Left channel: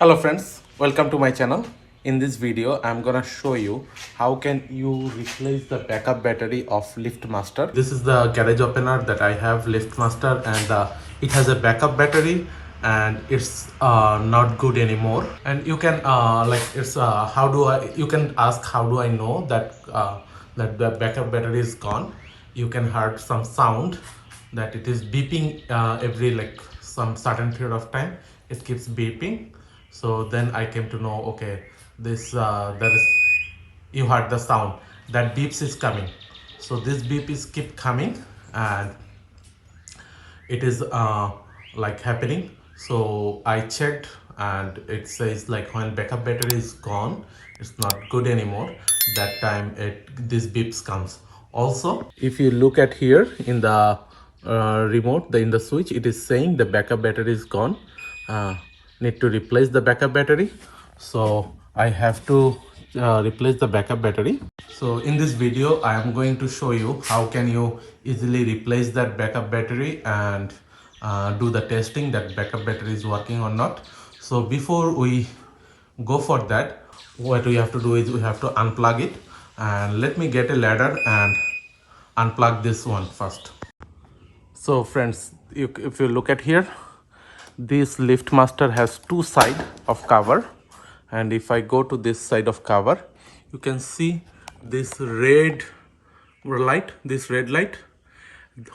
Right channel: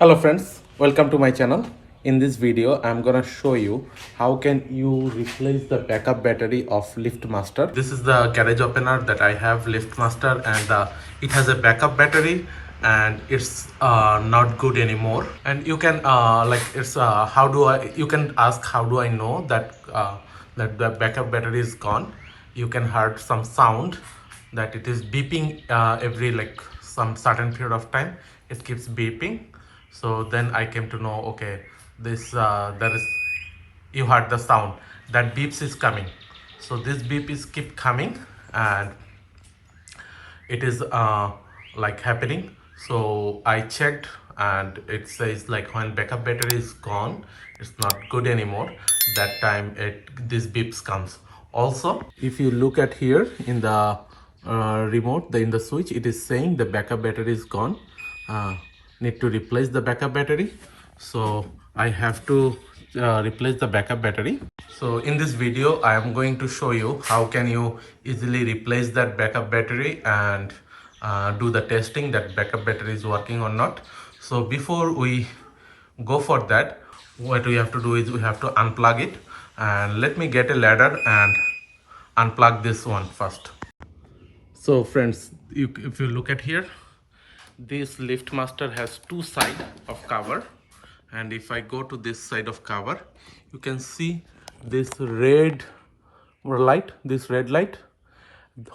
Hello friends, welcome to my channel. In this video I'm gonna show you how can you replace the backup battery of LiftMaster. This is the garage opener that I have, LiftMaster, and it has a backup battery and it's not good anymore. And you can you can ask how do I know that that the backup battery is gone. You can hear some sound that it is beeping every some certain period of time. It keeps beeping. So then I came to know, okay, this there is, you heard the sound that beeps is coming. So this beep is keep coming and it is happening. So I checked and it says like when backup battery is gone, it's not good anymore. That time this beeps comes. Also, if you look at here in the remote, in the switch, it is saying the backup battery is gone. uh, Need to replace the backup battery. So I have to replace the backup battery. So in this video I am going to show you how can you easily replace that backup battery and do the testing that backup battery is working or not. So before we go for that, what we have to do is we have to unplug it, and let me get a ladder and unplug this one first. So friends, if you look at here, this LiftMaster has two sides of cover, and if I go to this side of cover, you can see this red light.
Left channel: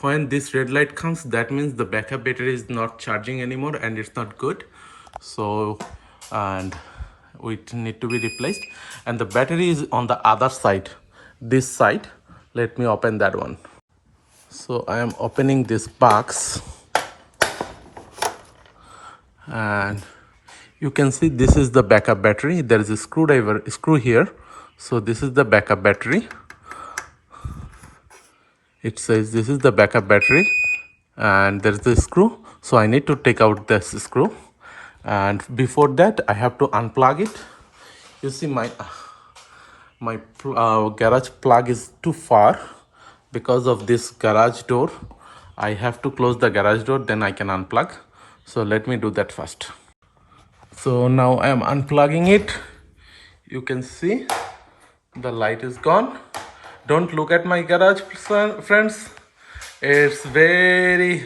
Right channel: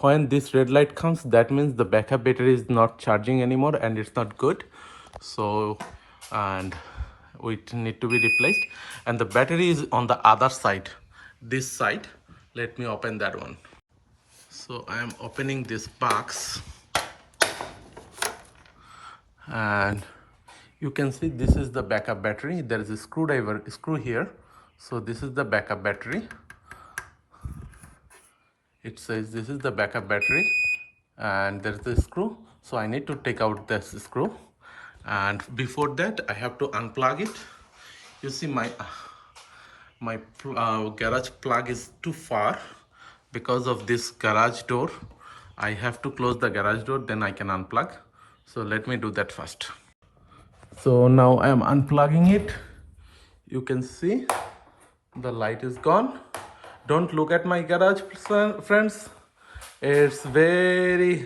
When this red light comes, that means the backup battery is not charging anymore and it's not good. So and it need to be replaced, and the battery is on the other side, this side. Let me open that one. So I am opening this box, and you can see this is the backup battery. There is a screw here. So this is the backup battery. It says this is the backup battery, and there's the screw. So I need to take out this screw, and before that I have to unplug it. You see my garage plug is too far. Because of this garage door, I have to close the garage door, then I can unplug. So let me do that first. So now I am unplugging it. You can see the light is gone. Don't look at my garage, friends. It's very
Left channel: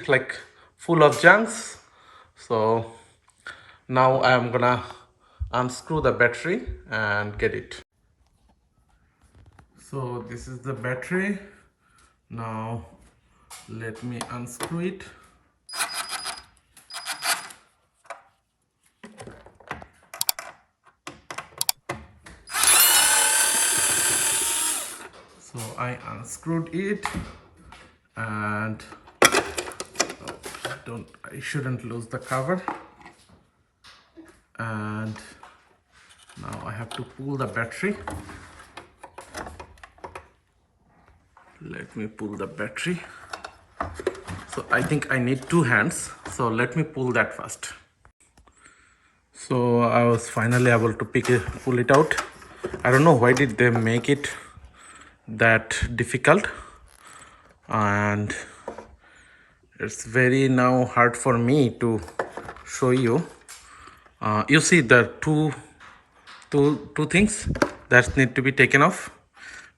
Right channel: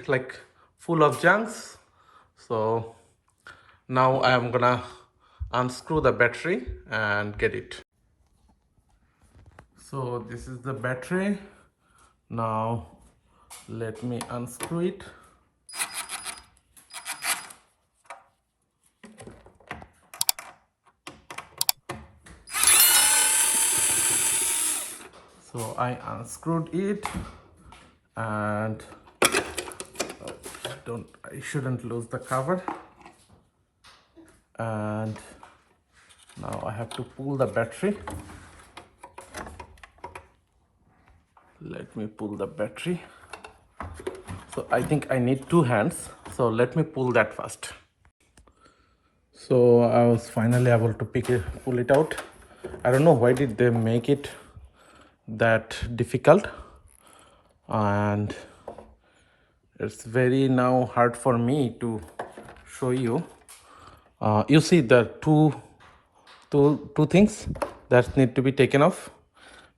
full of junks. So now I am gonna unscrew the battery and get it. So this is the battery. Now let me unscrew it. So I unscrewed it, and I shouldn't lose the cover. And now I have to pull the battery. Let me pull the battery. So I think I need two hands. So let me pull that first. So I was finally able to pull it out. I don't know why did they make it that difficult, and it's very now hard for me to show you. You see the two things that need to be taken off,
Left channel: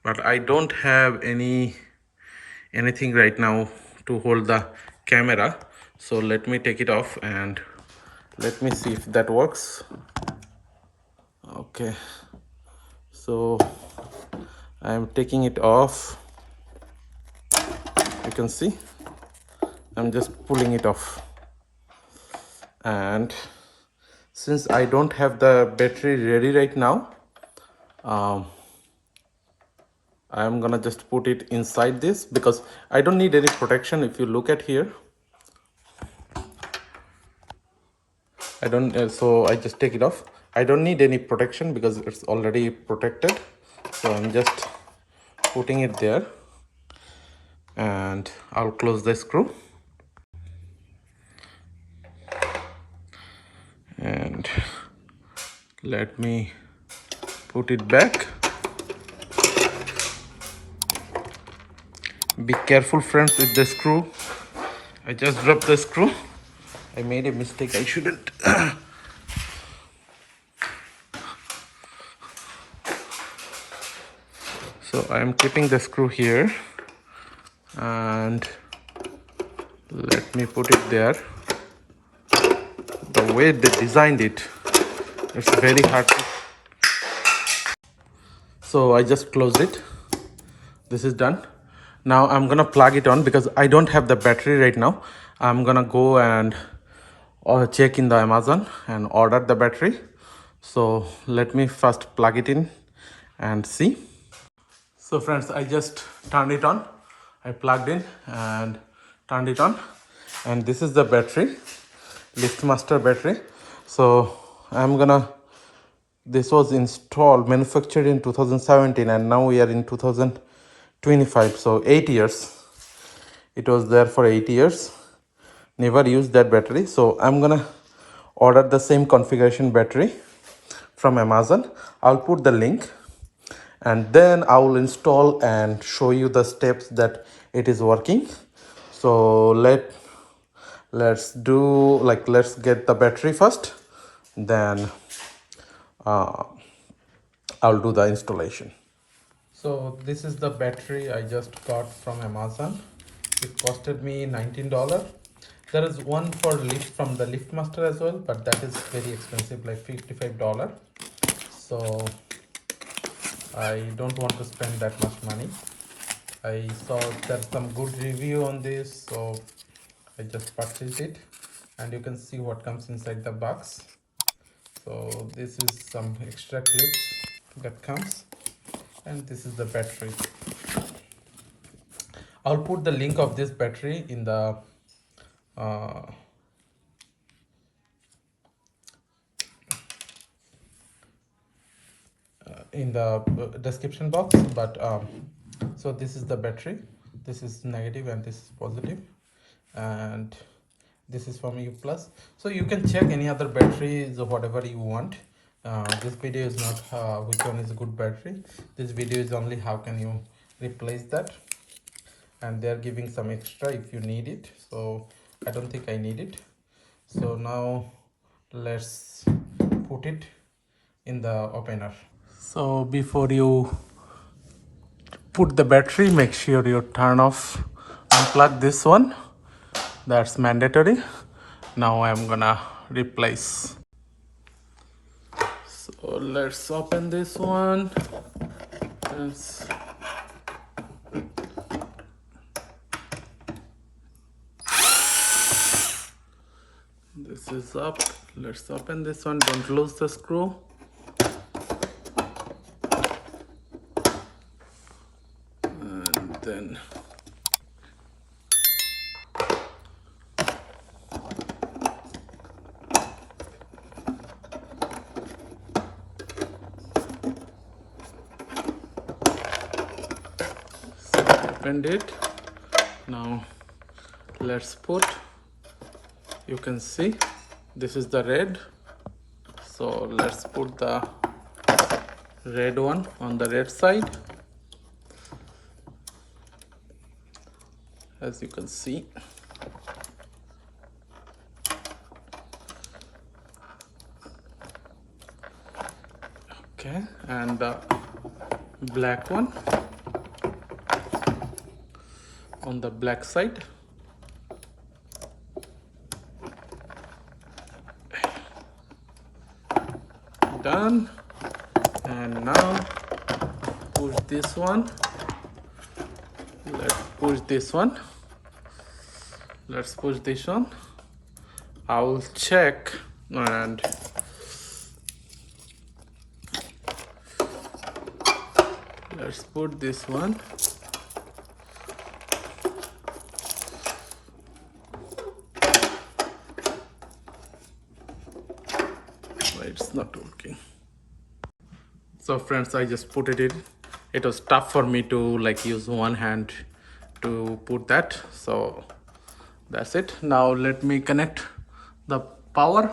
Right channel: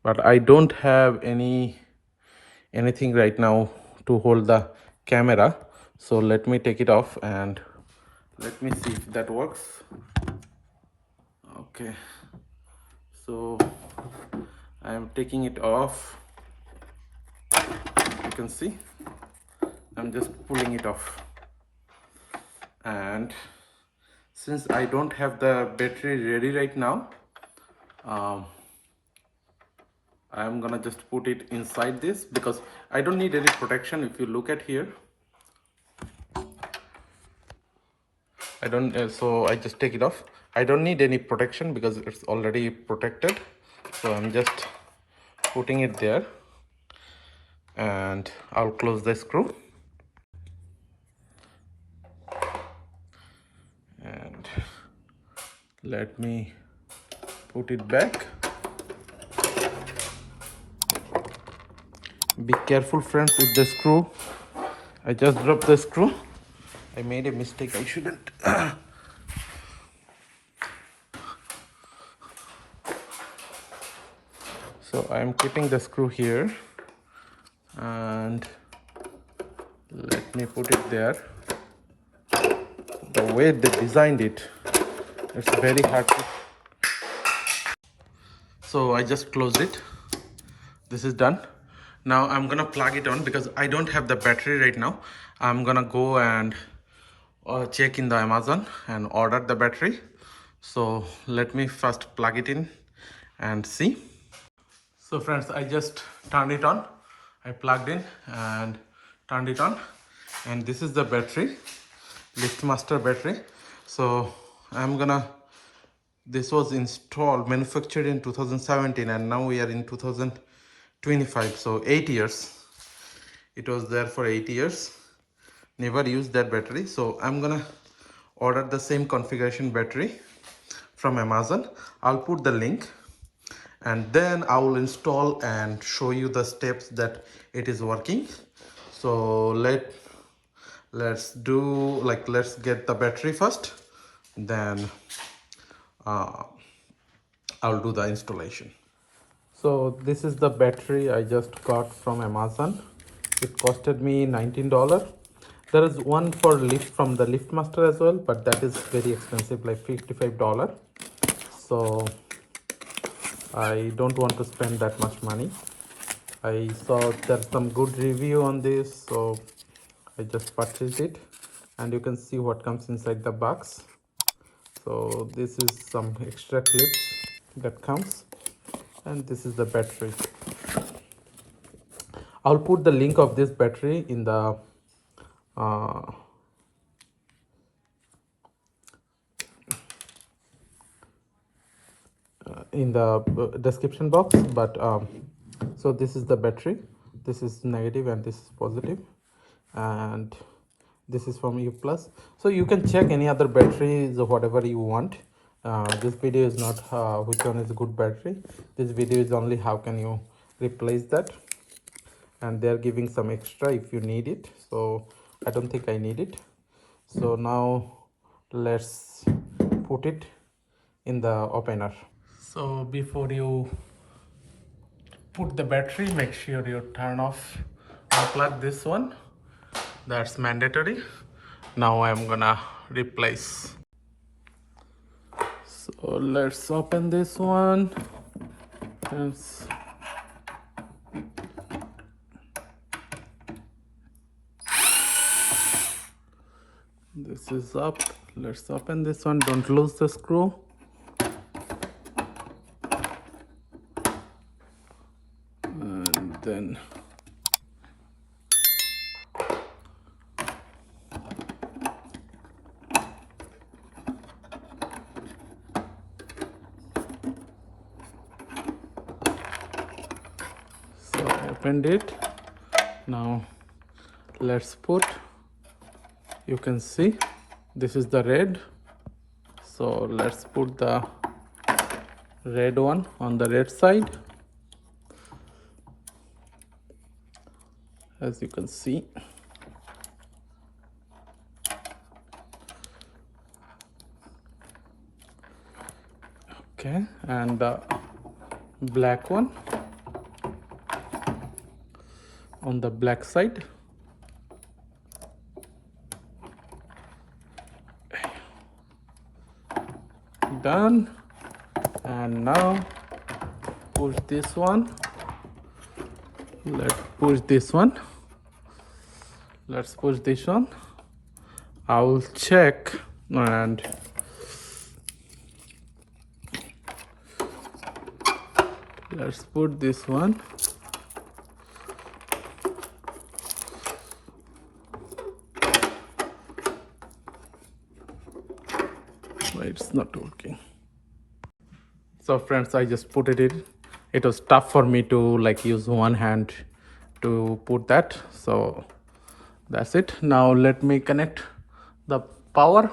but I don't have anything right now to hold the camera. So let me take it off and let me see if that works. Okay, so I'm taking it off. You can see I'm just pulling it off, and since I don't have the battery ready right now, I'm gonna just put it inside this because I don't need any protection. If you look at here, I don't so I just take it off. I don't need any protection because it's already protected. So I'm just putting it there, and I'll close the screw, and let me put it back. Be careful, friends, with the screw. I just dropped the screw. I made a mistake. I shouldn't. So I am keeping the screw here, and let me put it there. The way they designed it, it's very hard to... So I just closed it. This is done. Now I'm gonna plug it on because I don't have the battery right now. I'm gonna go and check in the Amazon and order the battery. So let me first plug it in and see. So friends, I just turned it on. I plugged in and turned it on, and this is the battery, LiftMaster battery. So I'm gonna... This was installed, manufactured in 2017, and now we are in 2025. So 8 years. It was there for 8 years. Never used that battery. So I'm gonna order the same configuration battery from Amazon. I'll put the link, and then I will install and show you the steps that it is working. So let's get the battery first, then I'll do the installation. So this is the battery I just got from Amazon. It costed me $19. There is one for lift from the LiftMaster as well, but that is very expensive, like $55. So I don't want to spend that much money. I saw there's some good review on this, so I just purchased it, and you can see what comes inside the box. So this is some extra clips that comes, and this is the battery. I'll put the link of this battery in the description box. But so this is the battery. This is negative and this is positive, and this is from U plus. So you can check any other batteries or whatever you want. This video is not which one is a good battery. This video is only how can you replace that, and they are giving some extra if you need it. So I don't think I need it. So now let's put it in the opener. So before you put the battery, make sure you turn off, unplug this one. That's mandatory. Now I'm gonna replace. So let's open this one. This is up. Let's open this one. Don't lose the screw. And then so opened it. Now let's put, you can see this is the red, so let's put the red one on the red side. As you can see, okay, and the black one on the black side. Done. And now push this one. Let's push this one. Let's push this one. I will check, and let's put this one. It's not working. So friends, I just put it in. It was tough for me to like use one hand to put that, so that's it. Now let me connect the power.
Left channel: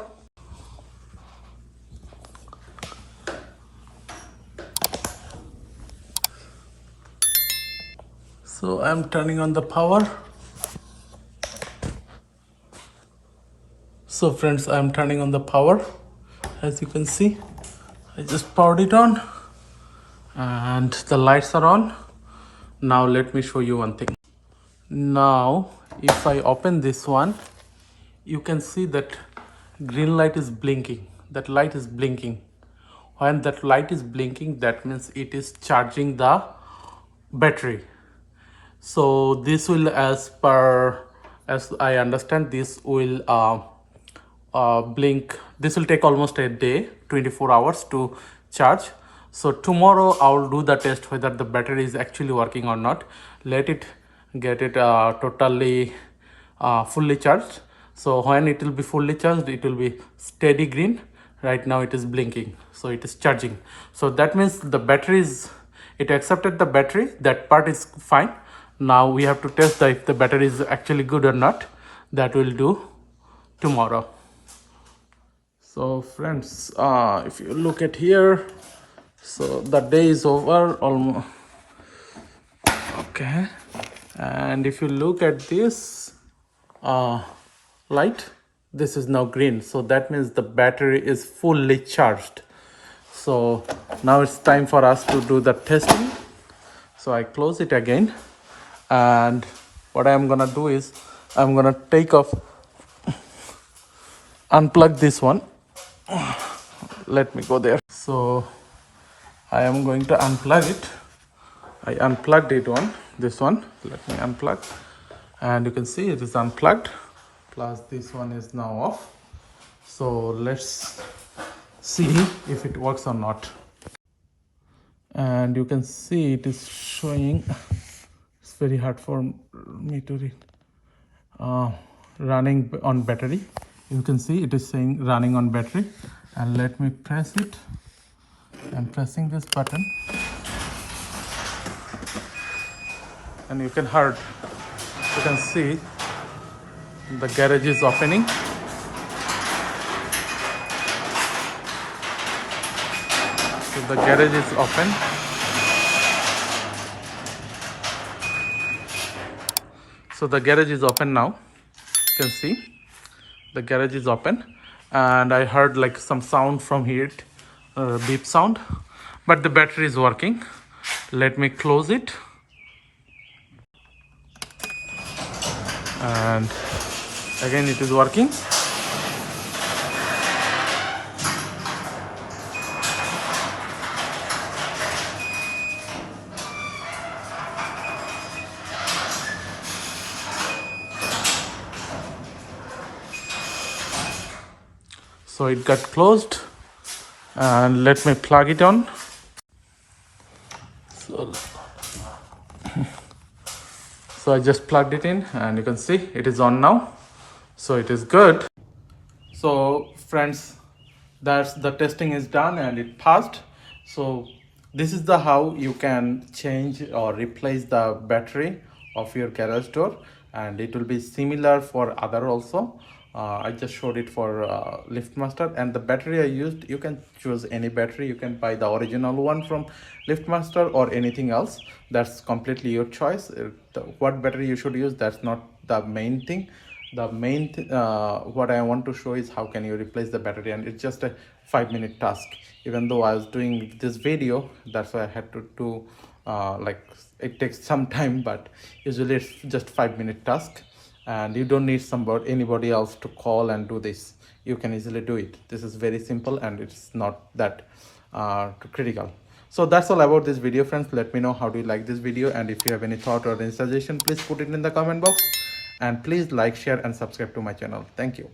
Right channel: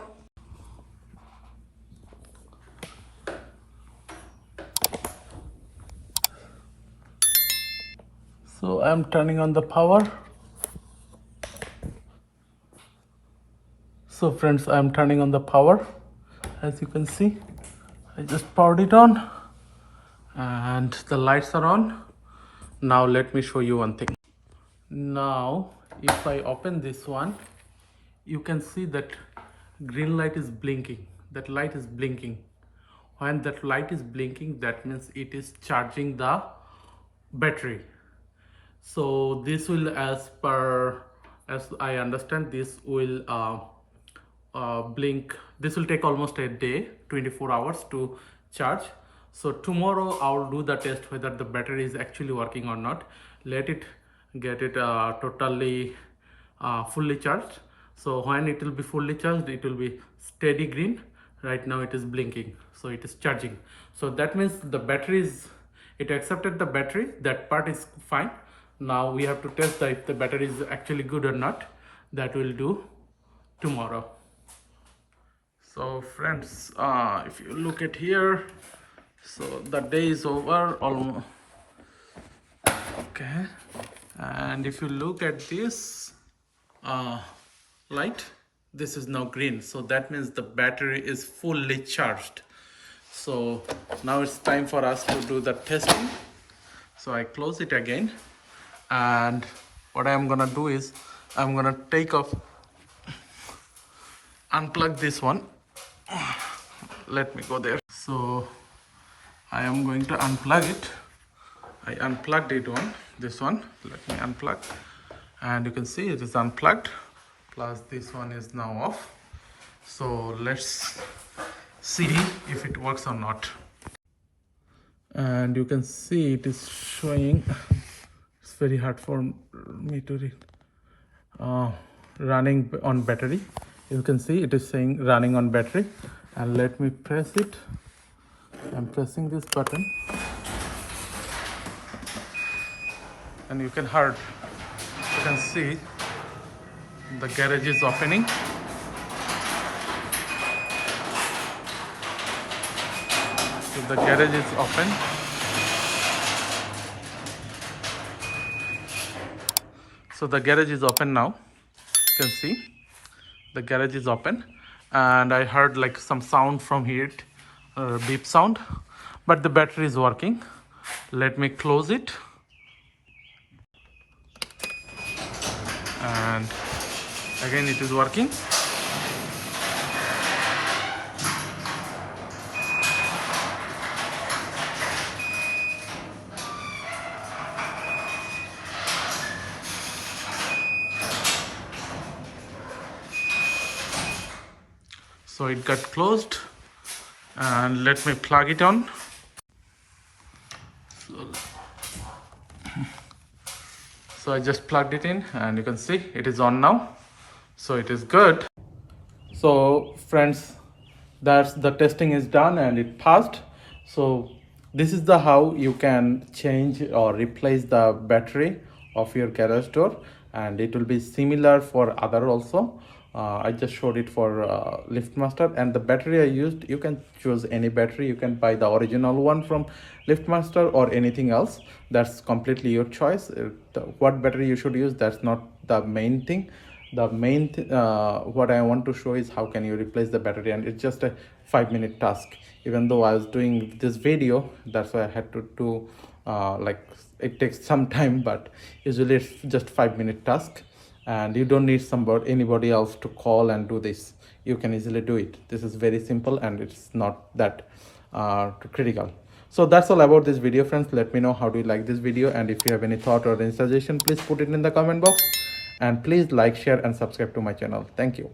So I'm turning on the power. So friends, I'm turning on the power. As you can see, I just powered it on, and the lights are on. Now let me show you one thing. Now if I open this one, you can see that green light is blinking. That light is blinking. When that light is blinking, that means it is charging the battery. So this will, as I understand, this will blink. This will take almost a day, 24 hours to charge. So tomorrow I'll do the test whether the battery is actually working or not. Let it get it totally fully charged. So when it will be fully charged, it will be steady green. Right now it is blinking, so it is charging. So that means the battery is, it accepted the battery. That part is fine. Now we have to test if the battery is actually good or not. That we'll do tomorrow. So friends, if you look at here, so the day is over almost. Okay, and if you look at this light, this is now green, so that means the battery is fully charged. So now it's time for us to do the testing. So I close it again, and what I'm gonna do is I'm gonna take off, unplug this one. Let me go there. So I am going to unplug it. I unplugged it on this one. Let me unplug, and you can see it is unplugged, plus this one is now off. So let's see if it works or not. And you can see it is showing, it's very hard for me to read, running on battery. You can see it is saying running on battery, and let me press it. I'm pressing this button, and you can see the garage is opening. So the garage is open. So the garage is open now. You can see the garage is open, and I heard like some sound from here, beep sound, but the battery is working. Let me close it, and again it is working. So it got closed, and let me plug it on. So I just plugged it in, and you can see it is on now. So it is good. So friends, that's the testing is done and it passed. So this is the how you can change or replace the battery of your garage door, and it will be similar for other also. I just showed it for LiftMaster, and the battery I used, you can choose any battery. You can buy the original one from LiftMaster or anything else. That's completely your choice. What battery you should use, that's not the main thing. The main what I want to show is how can you replace the battery, and it's just a 5-minute task. Even though I was doing this video, that's why I had to do like it takes some time, but usually it's just 5-minute task, and you don't need anybody else to call and do this. You can easily do it. This is very simple, and it's not that critical. So that's all about this video, friends. Let me know how do you like this video, and if you have any thought or any suggestion, please put it in the comment box, and please like, share and subscribe to my channel. Thank you.